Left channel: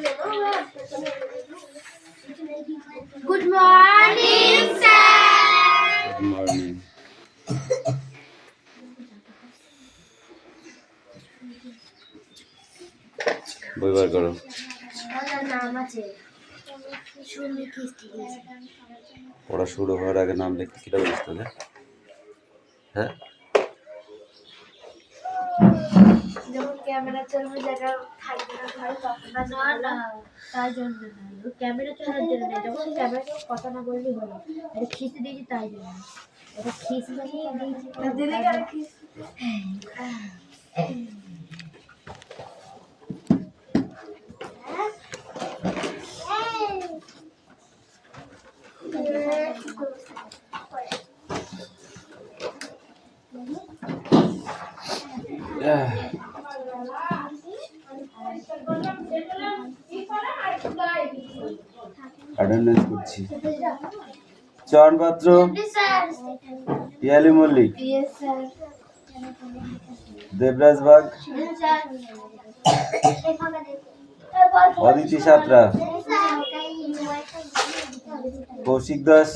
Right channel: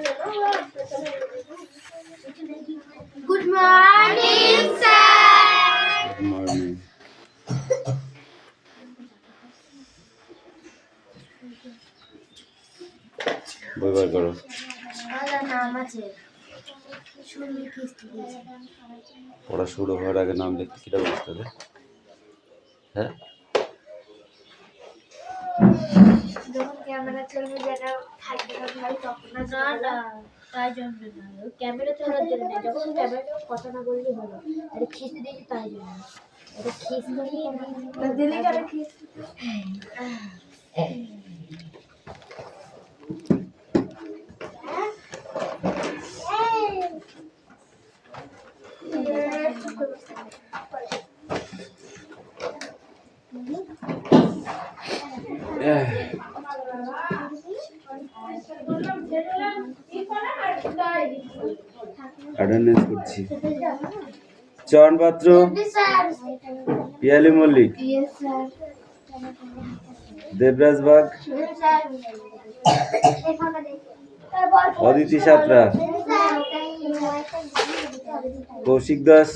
Good morning, sir. Good morning. বই বার করো। পড়া শুরু হওয়ার আগে নাম লিখতে কিটা বলিস তোকে? হ্যাঁ, যখন ক্যামেরা চলবে যেটা থাকবে না ঘরে তখন না তাই জন্য না, ক্যামেরা চলার জন্য না, যখন ক্যামেরা কথা না বললেই হলো। এটা খিস্তি দিয়েছি তাই জন্য, এটা খিস্তি দিয়ে দিদি করে খিস্তি। অ্যাটেন্ডেন্স করছি। চয়ন পাত্র, পিয়ালি মল্লিক, দেবরাজ বাগ, অদিতি সাঁতরা, কৌশিক দাস,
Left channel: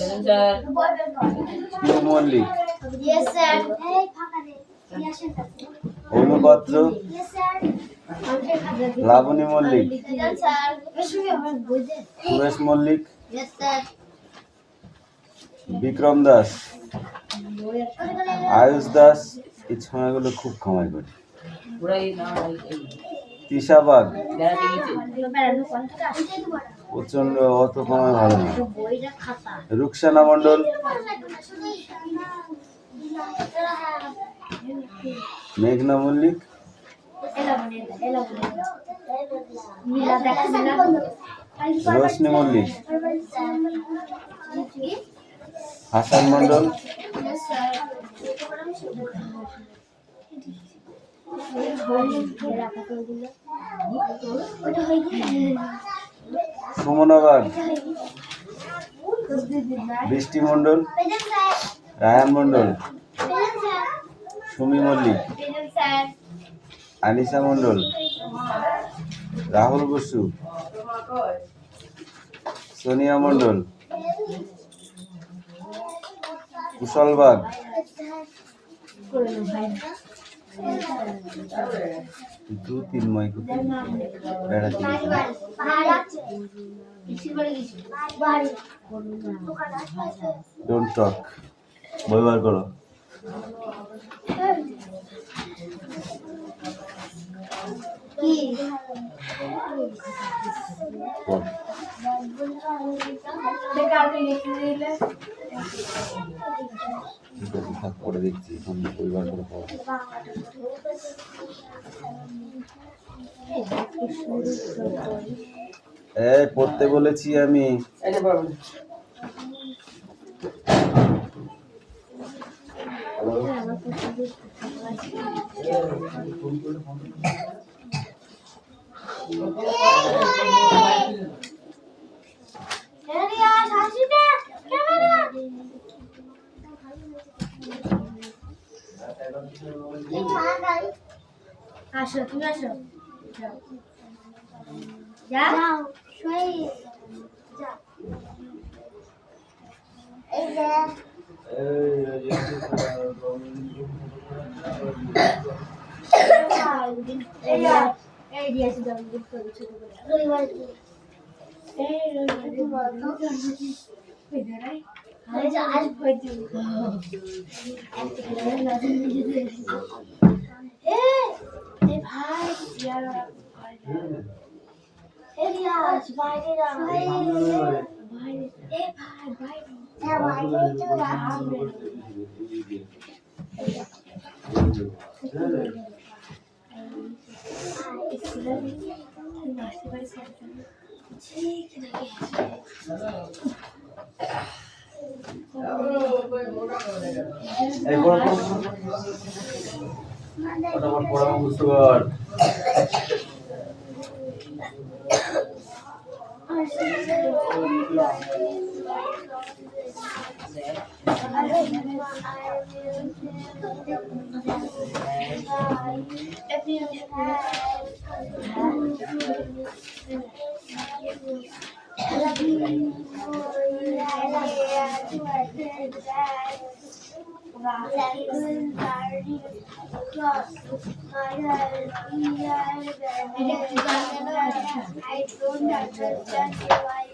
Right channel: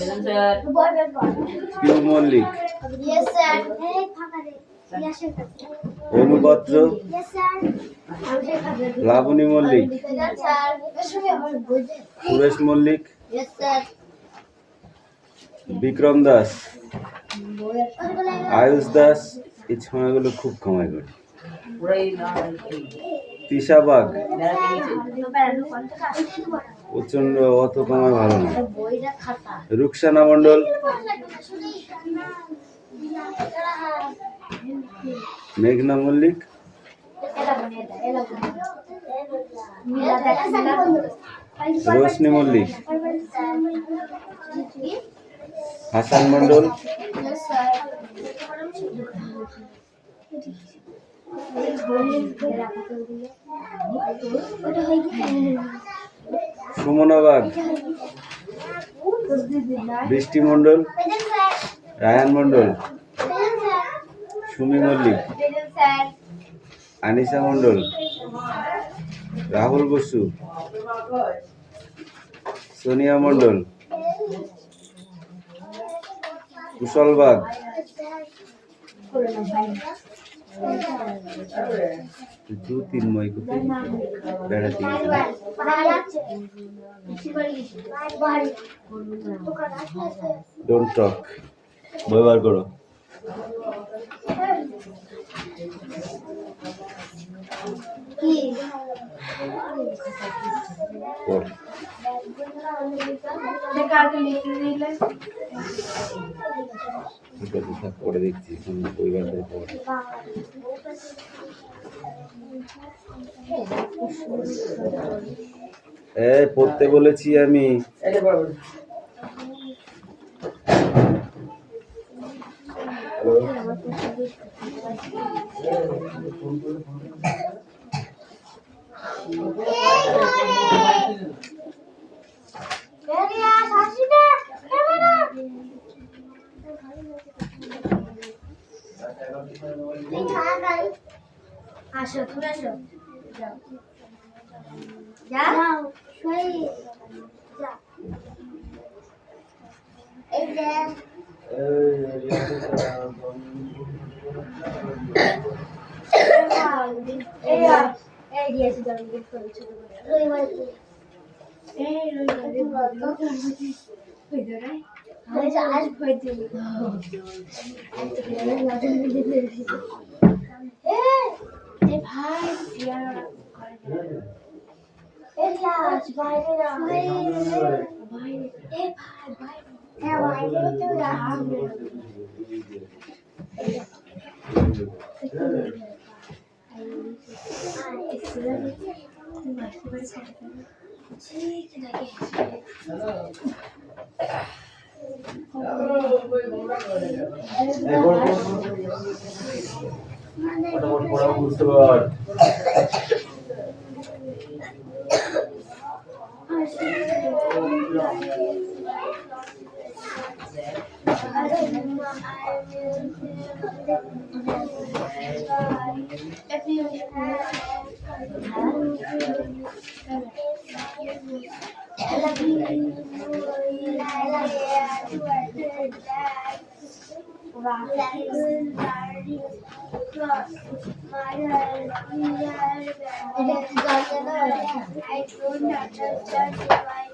পিউ মল্লিক, অনু পাত্র, লাবণী মল্লিক, সুরেশ মল্লিক, বিক্রম দাস, আয়ুষ দাস। এই ছমাগুলো খুব কামাই করে। তিশা বাগ প্রচন্ড, অত কামাই ভালো না। রুকসানা মন্ডল, মেঘনা মল্লিক, রোশনি মল্লিক, হাসান মন্ডল, সুমনা বাগ, বৃষ্টি মন্ডল, রায়ান মন্ডল, সুমি মল্লিক, আনিসা মন্ডল, রাহুল বসু, সোনিয়া মন্ডল, কুশল বাগ, দু তিন ময় বেড়াতে ডোন্ট টক। বই বার করো। পড়ে দেখছি পরিবার পড়তে বলেছি আমি। আসো, তুমি আসো, যাও শুই যাও। এই যে এই দিয়েছি দাও গিফট করে ছোট করে রবিবার এই রবিবার হইদারাই আজ আজ হইতে এই ভাই ইয়ার এই রিয়াজ বাইরে না ভাই এই ভাই বাইরে হ্যাঁ বাইরে তো রাখবে I don't understand why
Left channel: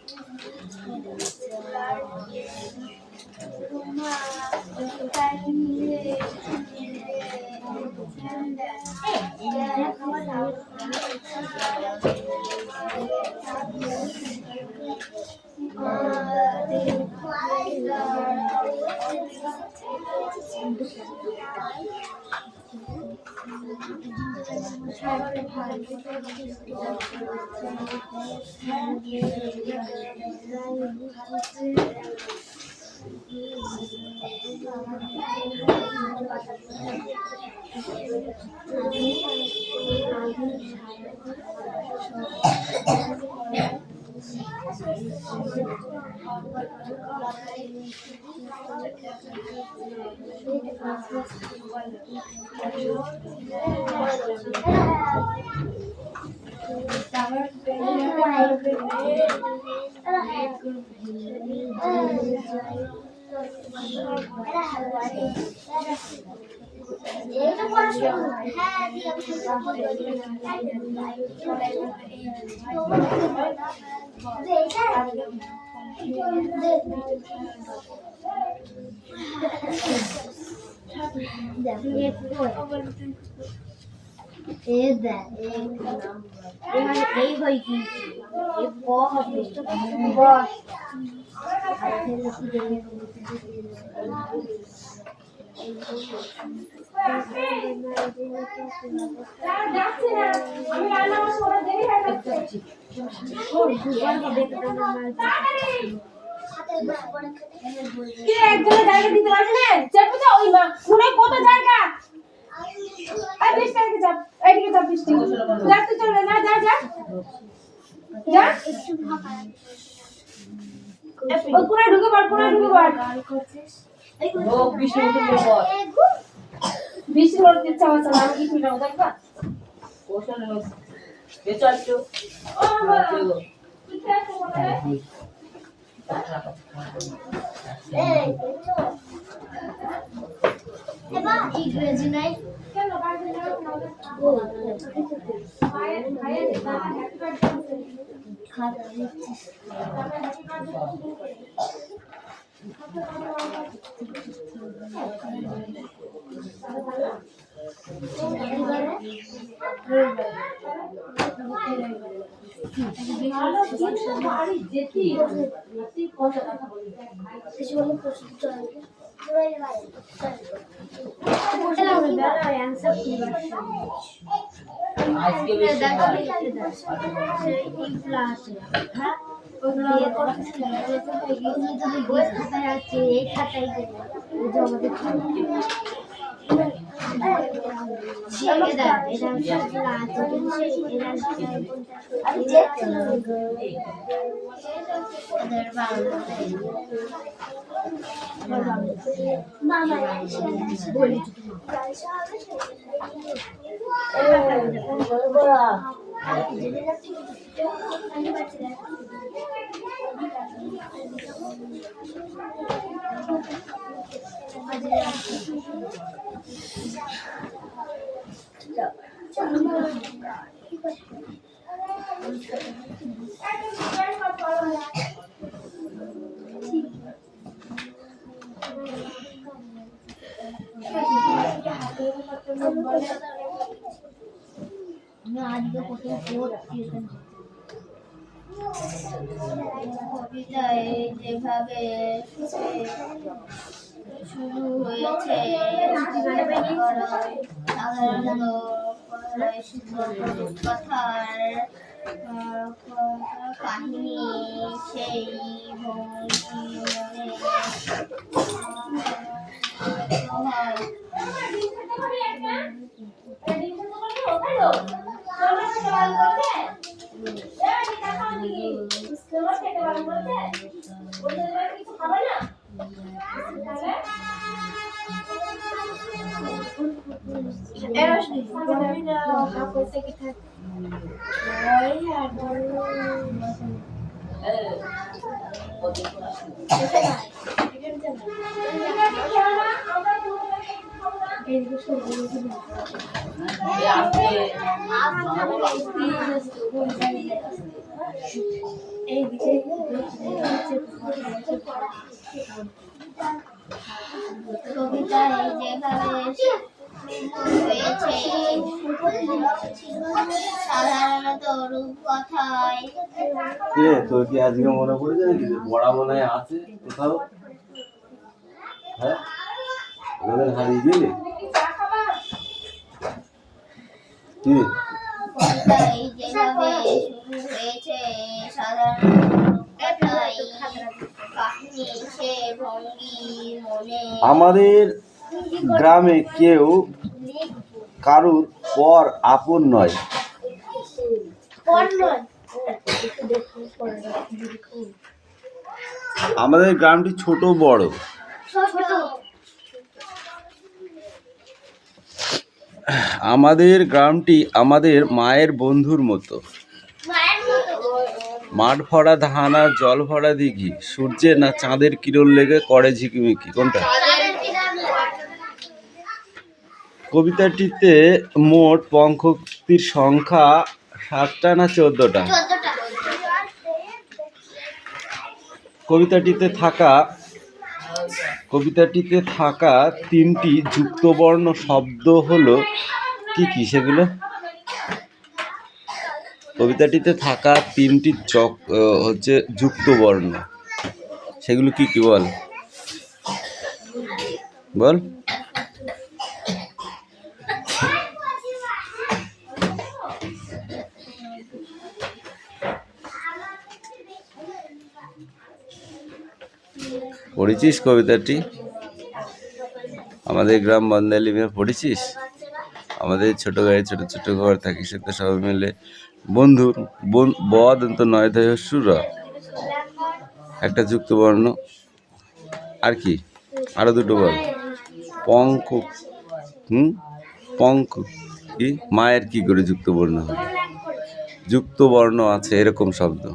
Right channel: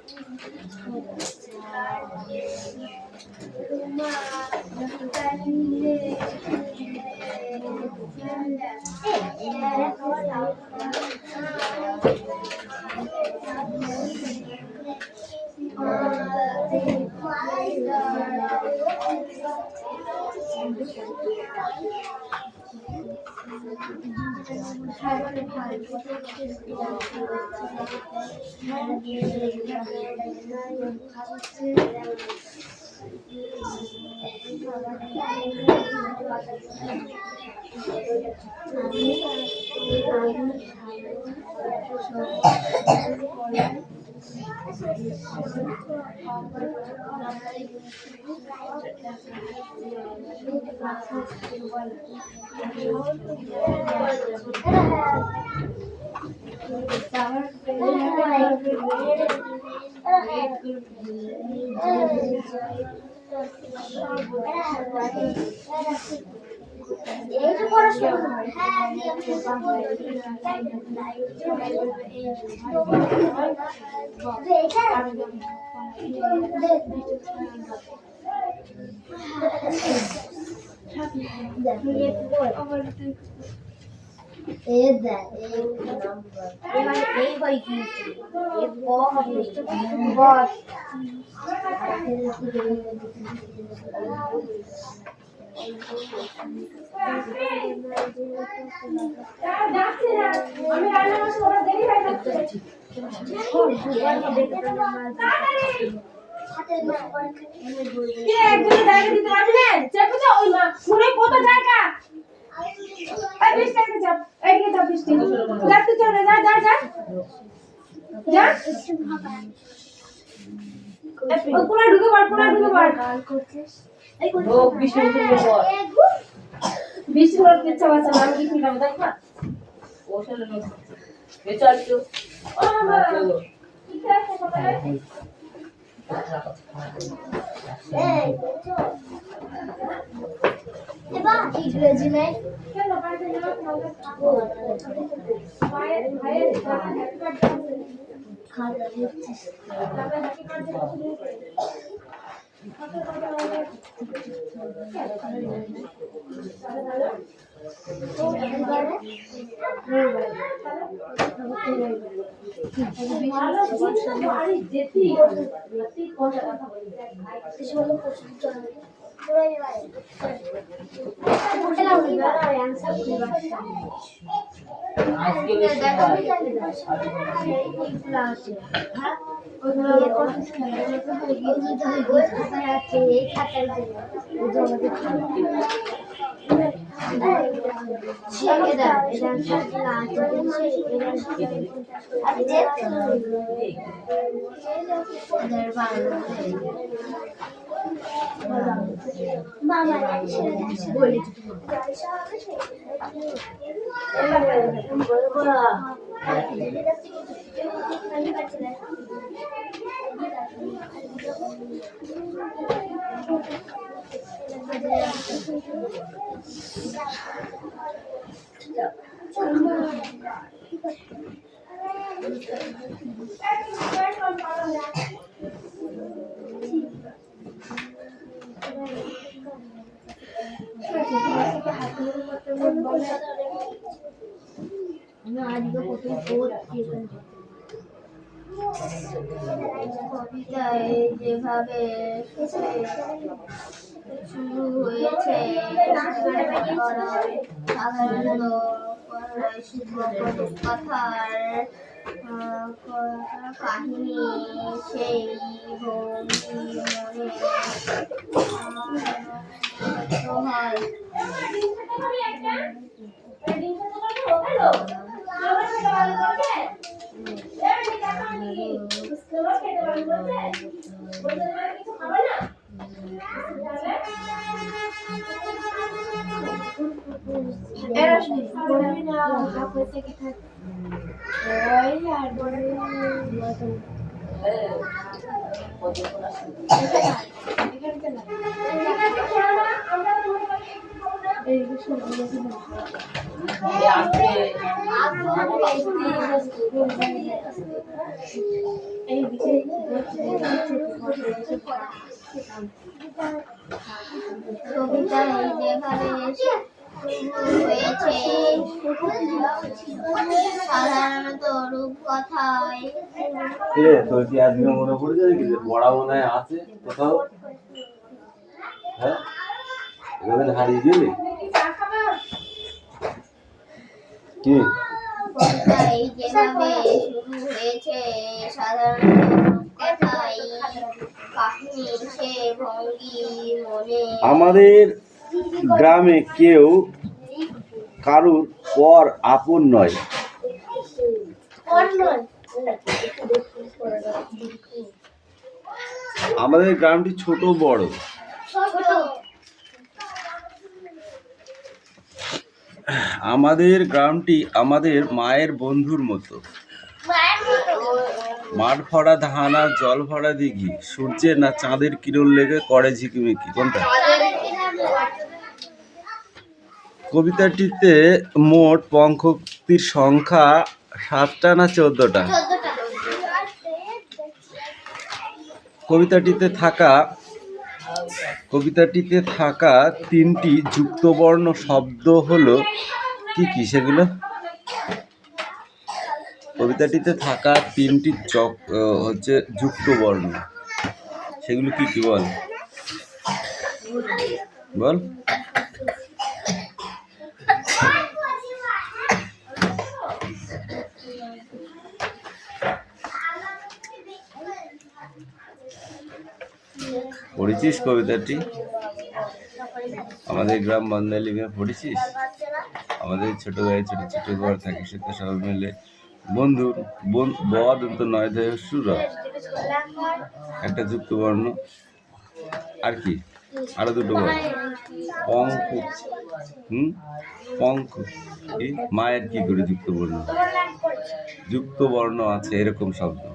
এই হয় কি বস একজনের জায়গা দিতে পারবি না চেপে যাও ওই মা শুনে কত জায়গা এই বৃষ্টি আগে যা এইদিকে যা বৃষ্টি লাগতে চল না যা যা যা একটু ফাঁকা ওই কোণায় ঢুকে পড় ও বৃষ্টি উঠে পড় বৃষ্টি করতে ইচ্ছা হচ্ছে না আমি কি ফিরাবো দেখবা ওখানে বেচার তো ও মা ঠিক আছে কোথায় এবার ইংরেজি নাই কেন বাইরে না আমাদের খাবো ভাইয়ের হ্যাপি বার্থডে খাতা দিচ্ছিস হ্যাপি বার্থডে আজকে বেশি এই খাতায় কবিতায় যেভাবে শুরু হয়েছে সাধারণত কথার কাহিনী সেই কবিতায় যেভাবে শুরু হয়েছে সাধারণত রূপকথায় কিরে তোর কি আজকে মনে পড়েছে নাকি যে পড়া মনে হয় আছে কোথাও? হ্যাঁ, এতদিন হারিয়ে গেলি কি? কবিতায় যেভাবে শুরু হয়েছে সাধারণত রূপকথায় কাহিনী সে ভঙ্গি মনে আমাদের গ্রামে কেউ কারুর পর আপন নয়। আমাদের গ্রামটি ছোট বড়, আমাদের গ্রামটি আমাদের মায়ের বন্ধুর মতো। মাঠ ভরা ধান আর জল ভরা দিঘি, সূর্যের না চাঁদের কিরণ লেগে করে ঝিকিমিকি। কোনটা? কবিতাটিতে মোট পঙ্খক্তির সংখ্যা 7টা না 14টা? কবিতাটিতে থাকা 3টি যুক্তবর্ণ শব্দ হলো কি কি সেগুলো? কবিতাটিতে থাকা 3টি হচ্ছে যুক্তবর্ণ, সেগুলো কি কি বল বল? পড়েছিস কবিতাটি? আমাদের গ্রাম বন্দালি মেয়ে পড়েছিস? আমাদের ছোট গায়ে ছোট ছোট ঘর থাকি, সে তো সবাই মিলে বন্ধু। বদন্ত নয় দেহ সুর, একটা যুক্তবর্ণ। আর কি? আরো দুটো বল। পঙ্খ। পঙ্খ কি? মায়ের কি করে যুক্তবর্ণ? যুক্তবর্ণ আছে এরকম শব্দ।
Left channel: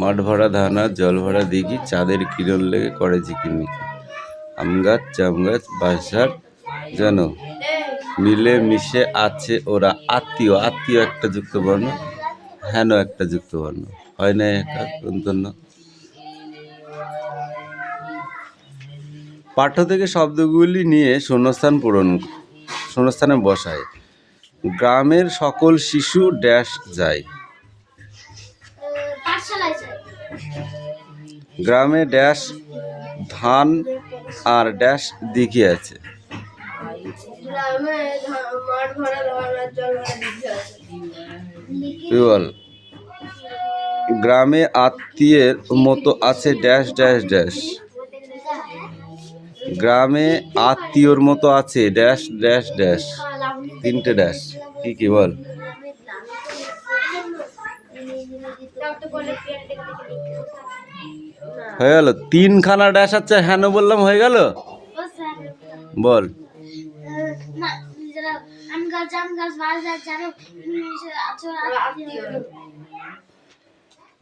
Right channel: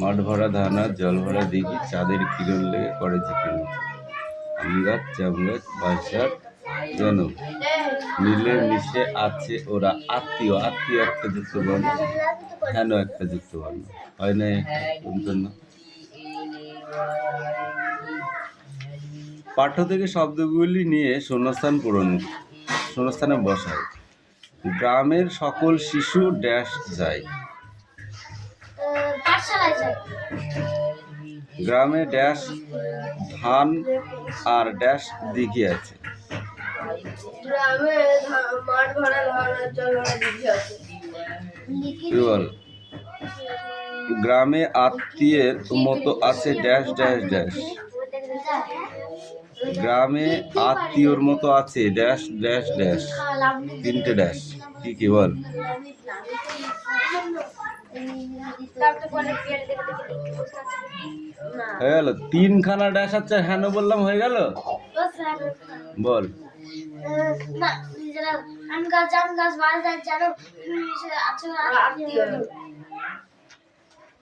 মাঠ ভরা ধান আর জল ভরা দিঘি, চাঁদের কিরণ লেগে করে ঝিকিমিকি। আম গাছ জাম গাছ বাঁশঝাড় যেন মিলে মিশে আছে ওরা। আত্মীয়, আত্মীয় একটা যুক্তবর্ণ, হেন একটা যুক্তবর্ণ, হয় না একটা দন্তন্য। পাঠ্য থেকে শব্দগুলি নিয়ে শূন্যস্থানে বসায়। গ্রামের সকল শিশু ড্যাশ যায়। গ্রামে ড্যাশ ধান আর ড্যাশ দিঘি আছে। গ্রামে আত্মীয়ের মতো আছে ড্যাশ ড্যাশ ড্যাশ। গ্রামে আত্মীয়র মতো আছে ড্যাশ ড্যাশ ড্যাশ। 3টে ড্যাশ কি কি বল? হয়ে গেল? 3খানা ড্যাশ আছে, হ্যাঁ বললাম, হয়ে গেল। বল।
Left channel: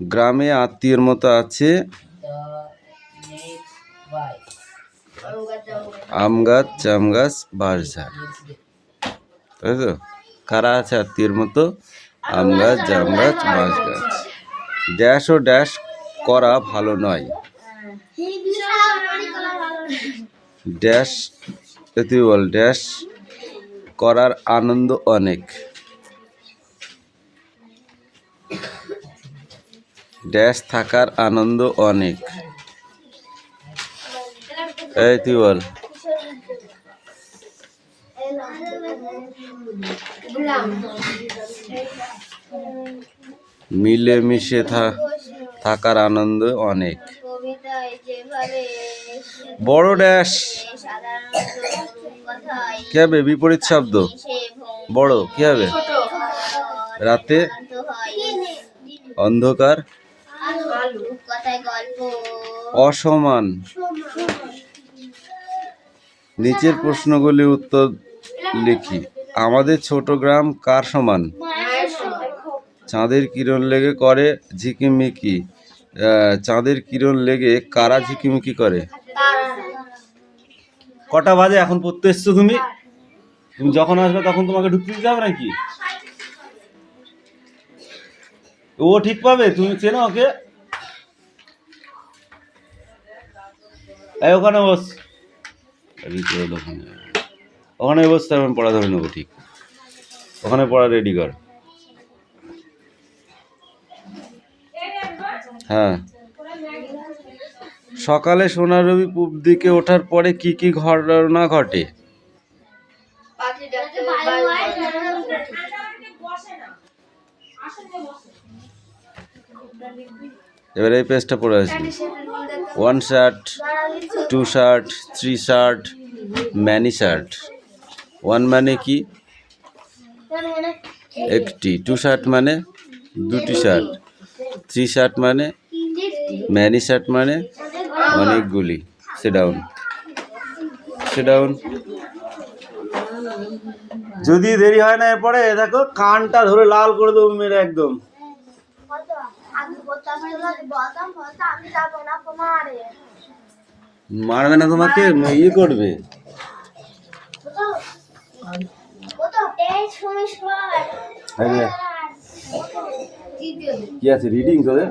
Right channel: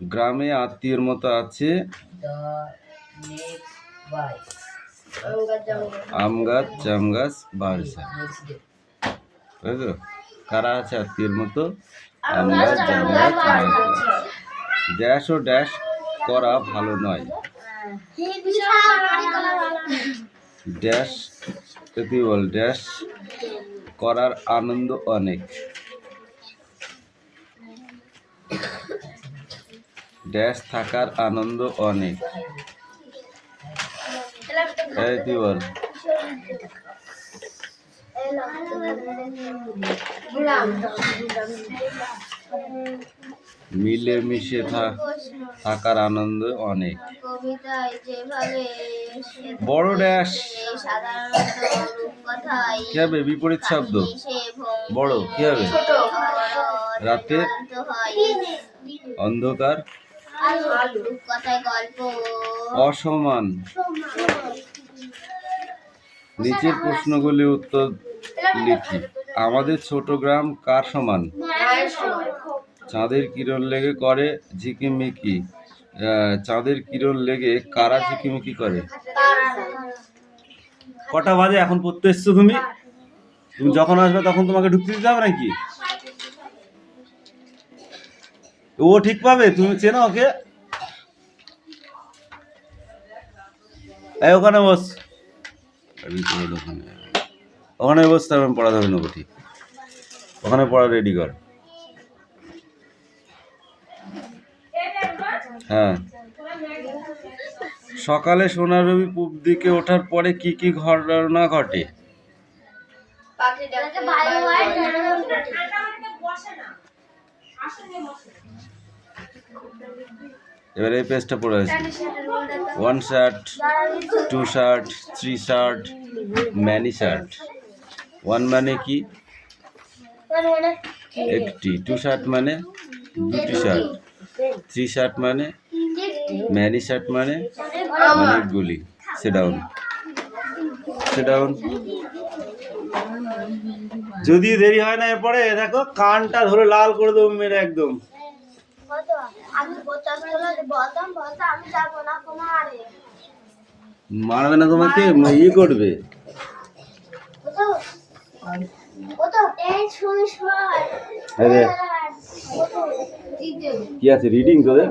গ্রামে আত্মীয়ের মতো আছে আম গাছ জাম গাছ বাঁশঝাড়, তাই তো? কারা আছে আত্মীয়ের মতো? আম গাছ জাম গাছ বাঁশ গাছ। ড্যাশ ও ড্যাশ করা ভালো নয়। ড্যাশ তুই বল। ড্যাশ করার আনন্দ অনেক। ড্যাশ থাকার আনন্দ অনেক। এই তুই বল। মিলেমিশে থাকার আনন্দ অনেক। বড় ড্যাশ কি হবে? বিপরীত শব্দ। বড় কি হবে? রাতে অন্ধকার অসমান। নিচের প্রশ্নগুলি উত্তর লিখি। আমাদের ছোট গ্রাম কার সমান? চাঁদের কিরণ লেগে করে ঝিকিমিকি। চাঁদের কিরণ লেগে কারা ঝিকিমিকি করে? কটা বাজে এখন পড়তে এসছো তুমি? তুমি যখন আসবে তখন তোমাকে ঢুকতে দিতে হবে নাকি? ও ঠিক পাবে, তুমি চেনো ওকে? এই ওখানে বস, ওখানে বসতে আমি পড়া ধরে নেবো। ঠিক, ওখানে পড়া রেডি কর। হ্যাঁ। সকালে সোনার রবি পূব দিকে ওঠার পরে কি কি ঘটনা ঘটে? এবার এই পেজটা পড়ে আসবে। 1 shirt, 2 shirt, 3 shirt, many shirt. 1 মানে কি? একটি। 2 শার্ট মানে দুটি শার্ট। 3 শার্ট মানে, ম্যানি শার্ট মানে অনেকগুলি। Sit down, sit down. যদি দেরি হয় না এরপরে দেখো কানটা ধরে লাল করে দেবো মেরে একদম। মারবে না তোমাকে, ইয়ে করবে। কি আছে রিডিং তোদের?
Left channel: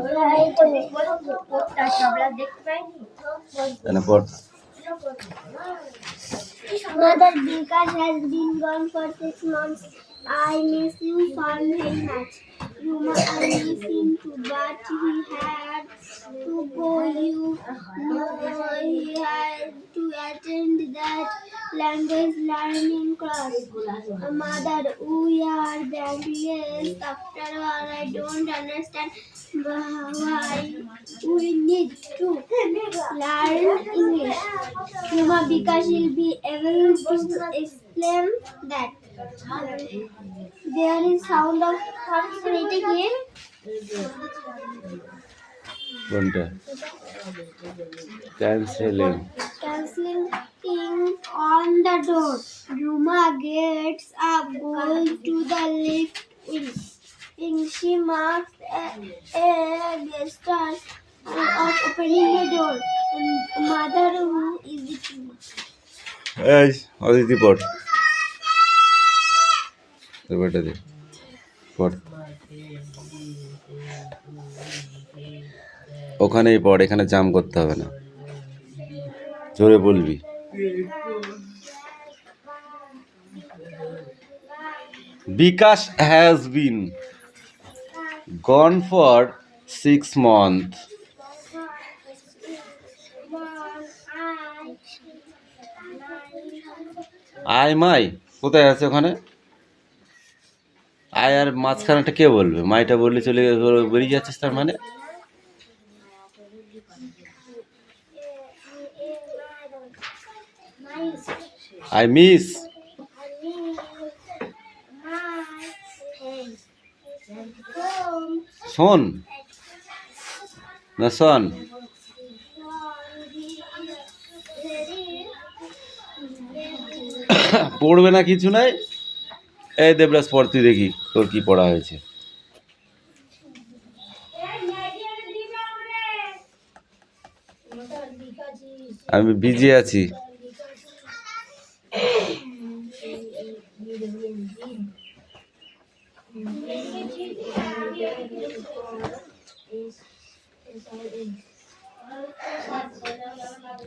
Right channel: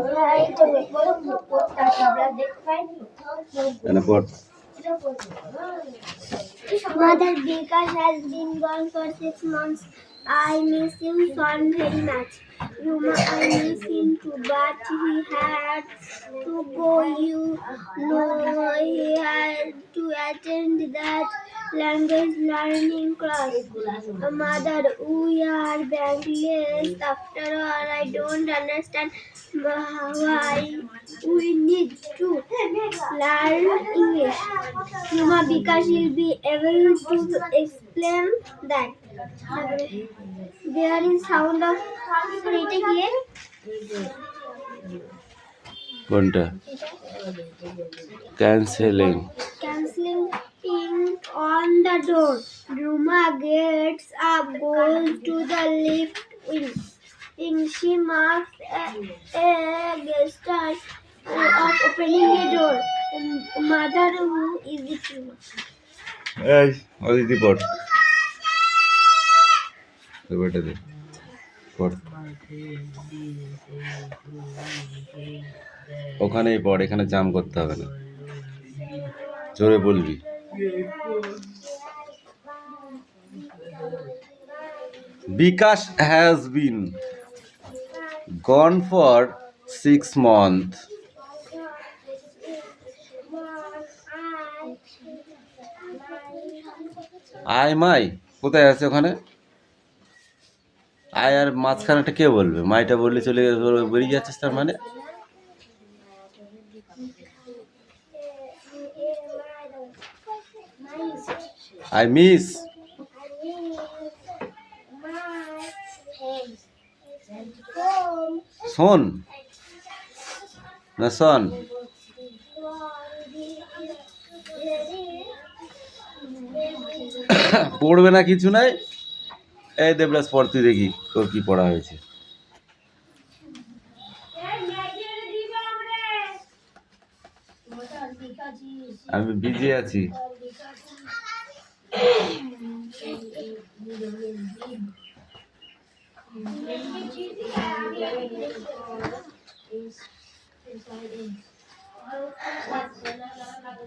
Mother Vikas has been gone for 6 months. I miss you son very much. Ruma, I miss him too, but he had to go. You know, he had to attend that language learning class. Mother, we are Bangladesh. After all, I don't understand why we need to learn English. Ruma, because you'll be able to explain that. There is sound of reading here. কোনটা? Cancelling on the door. Ruma gets up, goes to the lift wing. She marks a gesture of opening a door. Mother, who is it? এই অদিতি পড়, এবারটা দে পড়। ওখানেই পড়, এখানে জাম করতে হবে না, জোরে বলবি। বিকাশ has been gone for 6 months. I my কোথায় আছে ওখানে? আয় আর মাঝখানেটা কে বলবে? মাইটা বললে চলে বেরিয়ে যাচ্ছিস তার মানে? I miss. শোন না শোন, পড়বে না কিছু নাই। এই দেবরাজ পড় তুই, দেখি তোর কি পড়া হয়েছে। আমি বিজি আছি।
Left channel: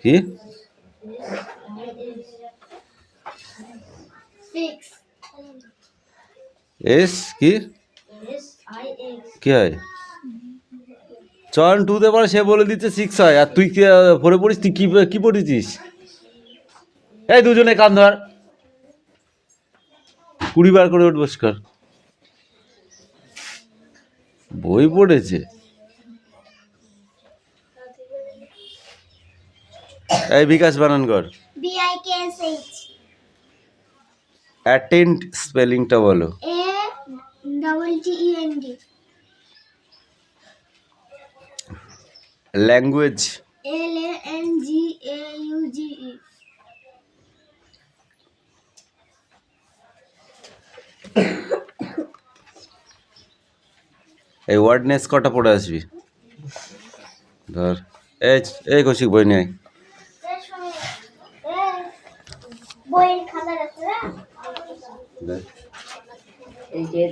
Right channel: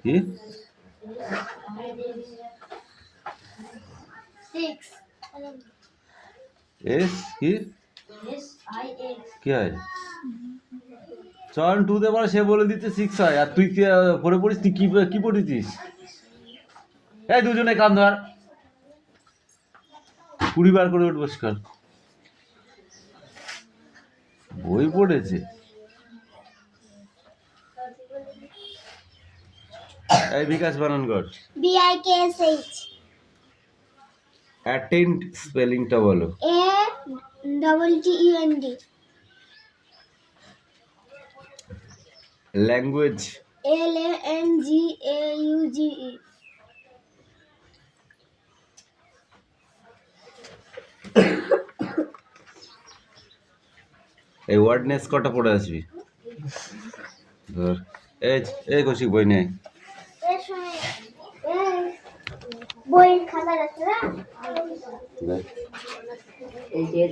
কি? 6 এস কি? কি হয়? চয়ন 2 তে পড়ে, সে বলে দিচ্ছে 6 হয়, আর তুই কি পড়ে পড়িস? তুই কি পড়েছিস? এই দুজনে কান ধর, 20 বার করে উঠবস কর। বই পড়েছে। এই বিকাশ বানান কর। BIKSH. অ্যাটেন্ড স্পেলিংটা বলো। ATTEND. ল্যাঙ্গুয়েজ। LANGUAGE. এই ওয়ার্ডনেস কটা পড়ে আসবি ধর। এই এই কৌশিক বই নিয়ে আয়। বইয়ের খাতা আছে না? দেখ। এই যে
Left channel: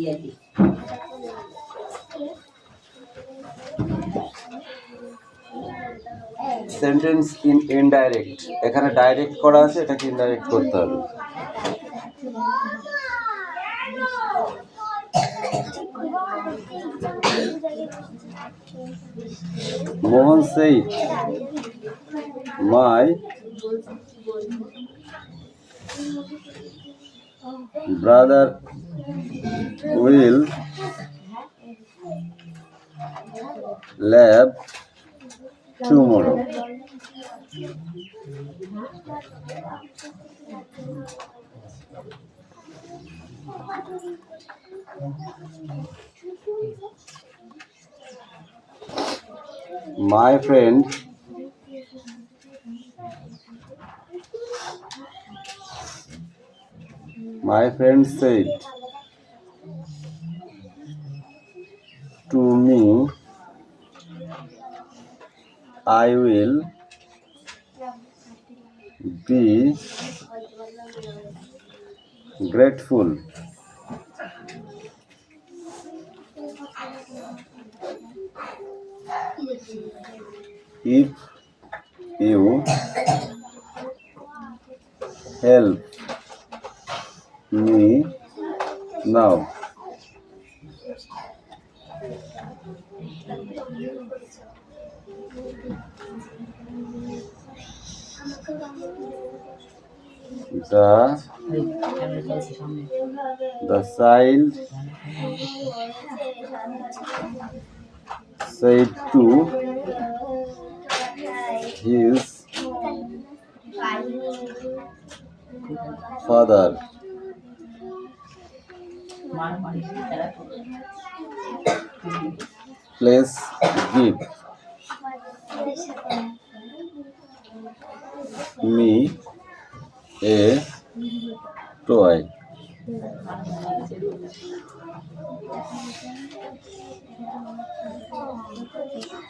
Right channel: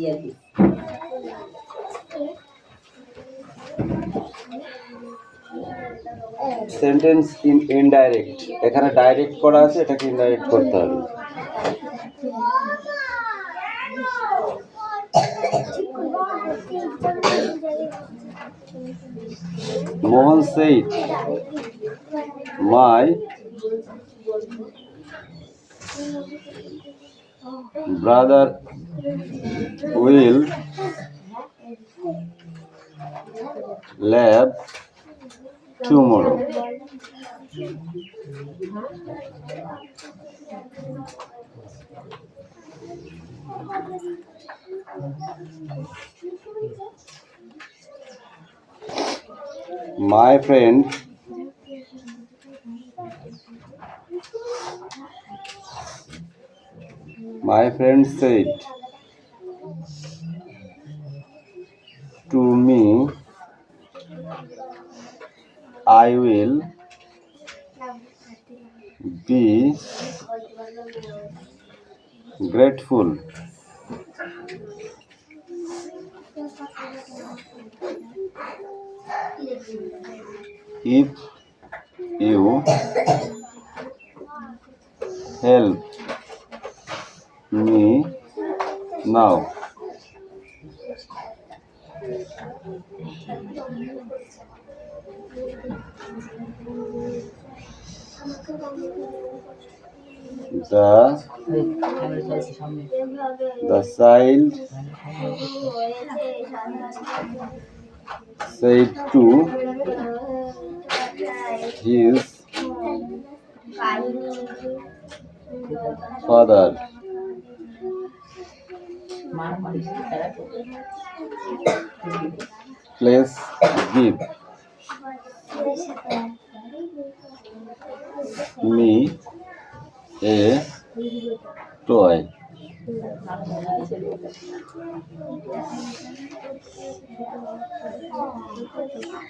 ইয়াদি সেন্টেন্স ইন ইনডাইরেক্ট, এখানে ডাইরেক্ট করা আছে, এটাকে ইনডাইরেক্ট করতে হবে। মোহন said my brother will leave tomorrow. My friend said to me, I will be grateful if you help me now. The child said to his father, please give me a toy.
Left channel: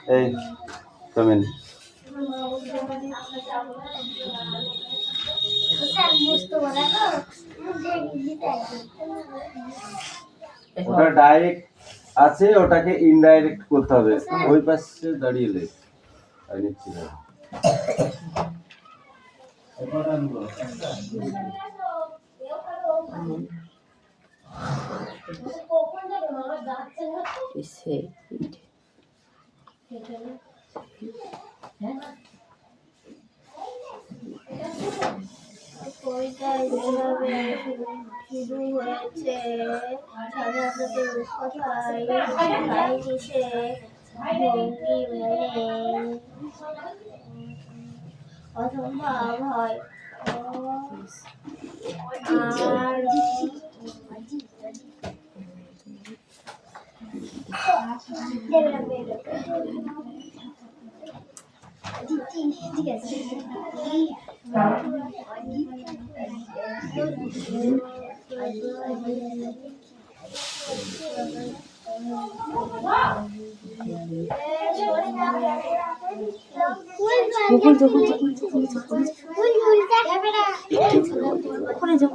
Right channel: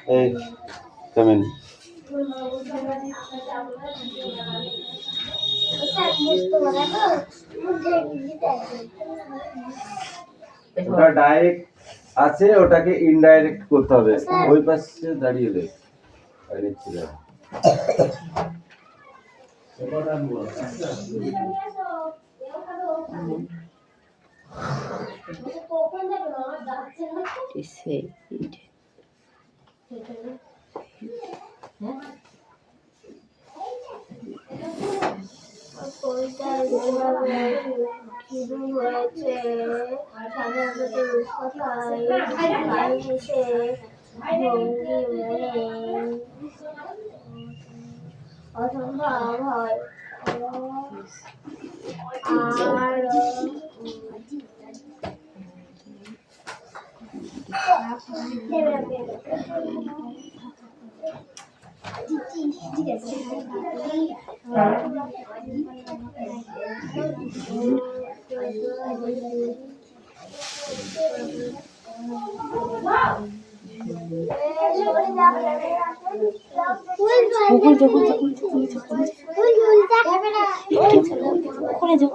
Hey, come in. ওটা direct আছে, ওটাকে indirect করতে হবে। ওই পাশে দাঁড়িয়ে লে আর নিচ্ছি না। বইটা যেভাবে শুরু হয়েছে সাধারণত রূপকথায় কাহিনী সে ভঙ্গি মনে অসম্ভব হয়। আর ঠিক আছে ওখানে যা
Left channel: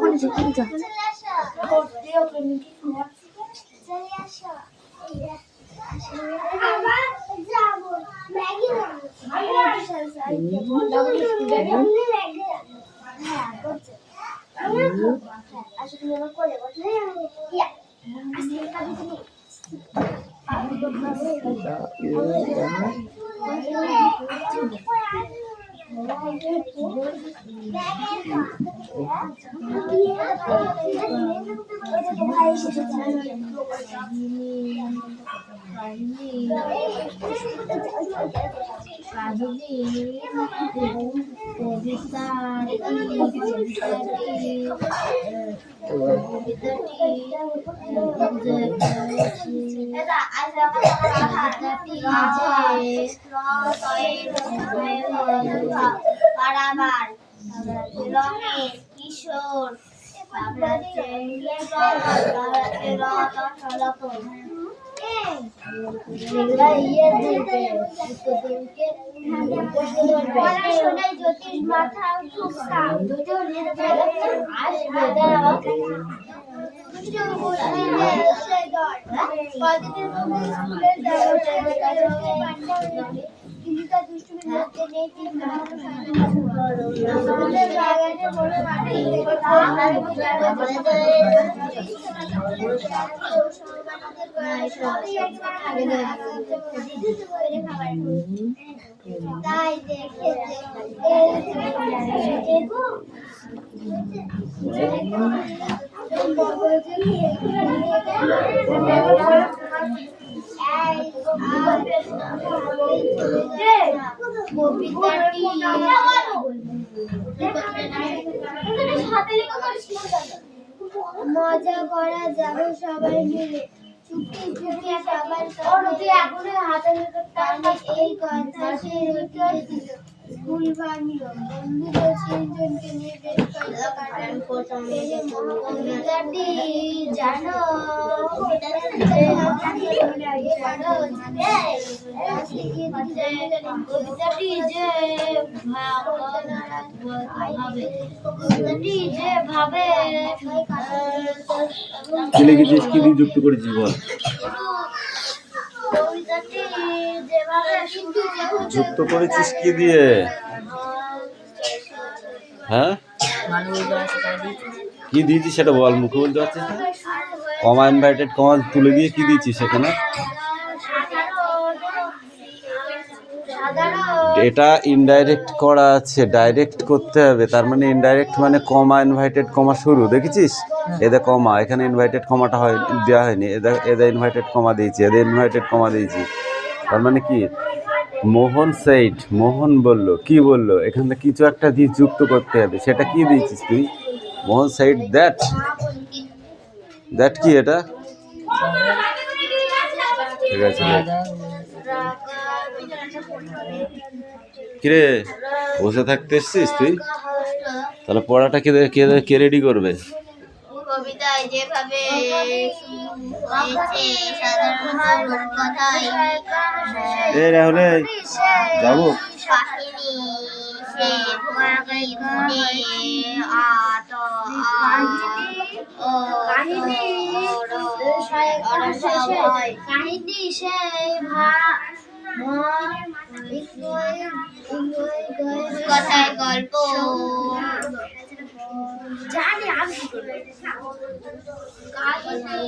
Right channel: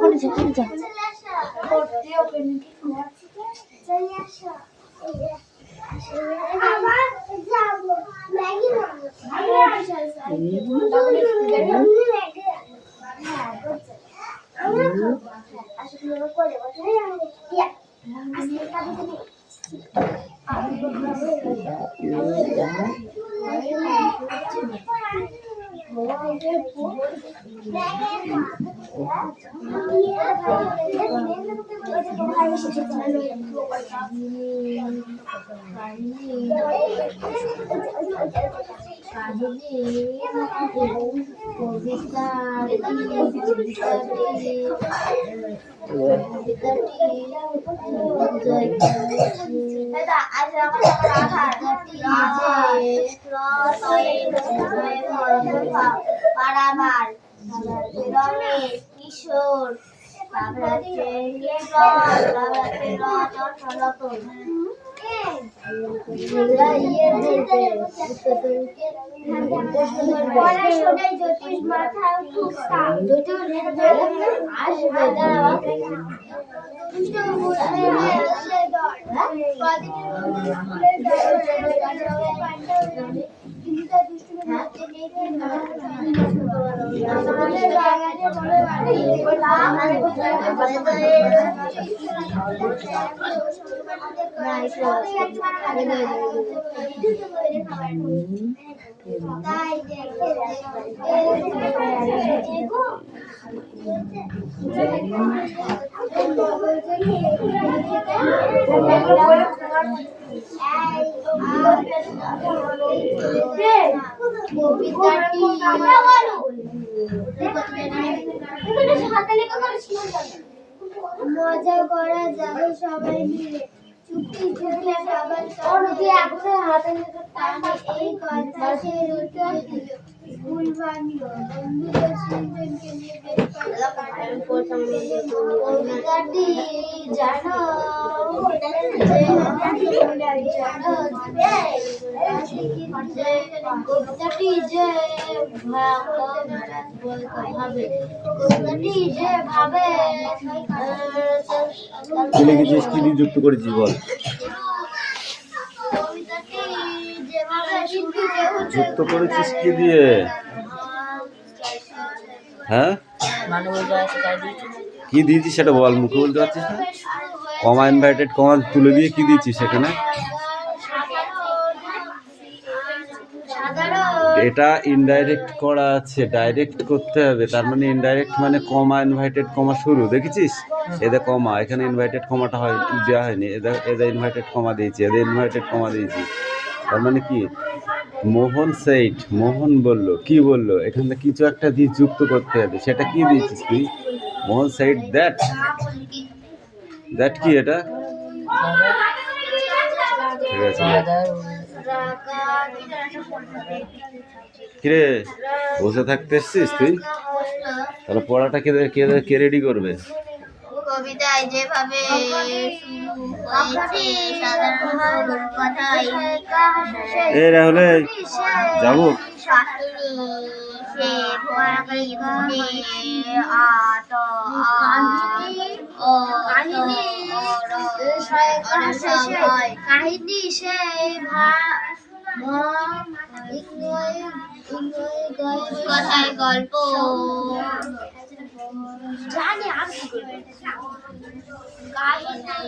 কিশোর তারপরে হচ্ছে তারপরে রথ সনাতন এগুলা পড়াশোনায় জ্যোতিষ মাথা খুব সাপ আসবে দাঁড়াও দুষ্টু বুদ্ধি হচ্ছে দর কদিনের মধ্যে স্কুলের দরজার কাছে পান্ডা হয়ে কিন্তু তার দুষ্টুমি মধ্যে নেই কিন্তু আমাদের বাগানে বড় বাড়ি তাই দেখে মজা করা যাবে সবাই মিলে চুপটি চুপটি সবার কানে এই কথা সে রটিয়ে দিল স্কুল ভাঙল বন্ধুদের তিনজনকে নিয়ে বেশ কবিতাটি জানো কবিতাটি যে ভাবে কি লিখেছিস, কি দিয়ে যুক্ত করেছিস বল। কবিতাটি যেভাবে যুক্ত করেছিস কি দিয়ে? হ্যাঁ কি দিয়েছিস সেটা বল, মুখে বলতে পারছিস না। কমা ইনভার্টেড কমা তুলে দিয়ে কি দিয়েছিস সেখানে? এটা ইনডাইরেক্ট করা আছে, ডাইরেক্ট করতে হবে। তার মানে ইনডাইরেক্ট মানে কমা ইনভার্টেড কমা শুরু, দেখেছিস? এদের কমা, এখানে ইনভার্টেড কমাটা হয় দেওয়া হয়নি, এদের ইনভার্টেড কমা দিয়েছি, এদের ইনভার্টেড কমা দিয়েছি। তার মানে কি মোহন সেইড, মোহন বললো, কি বললো, এখান থেকে কিছু একটা দিয়ে যুক্ত করতে হবে, সেটা কি দিয়েছিস তুই? মোহন সেইড দ্যাট, দ্যাট কি এটা? ঠিক আছে কিরে বসে থাকতে এসছিস তুই? তাহলে পড়াটা কে রেডি করবে? কবিতায় যেভাবে হয়েছে সাধারণ কথাই এ রাহুল যাবো কাহিনী সে পড়াকারী মনে আত কাহিনী সেই কথায় গল্প জানি আমি কি করবো কাহিনী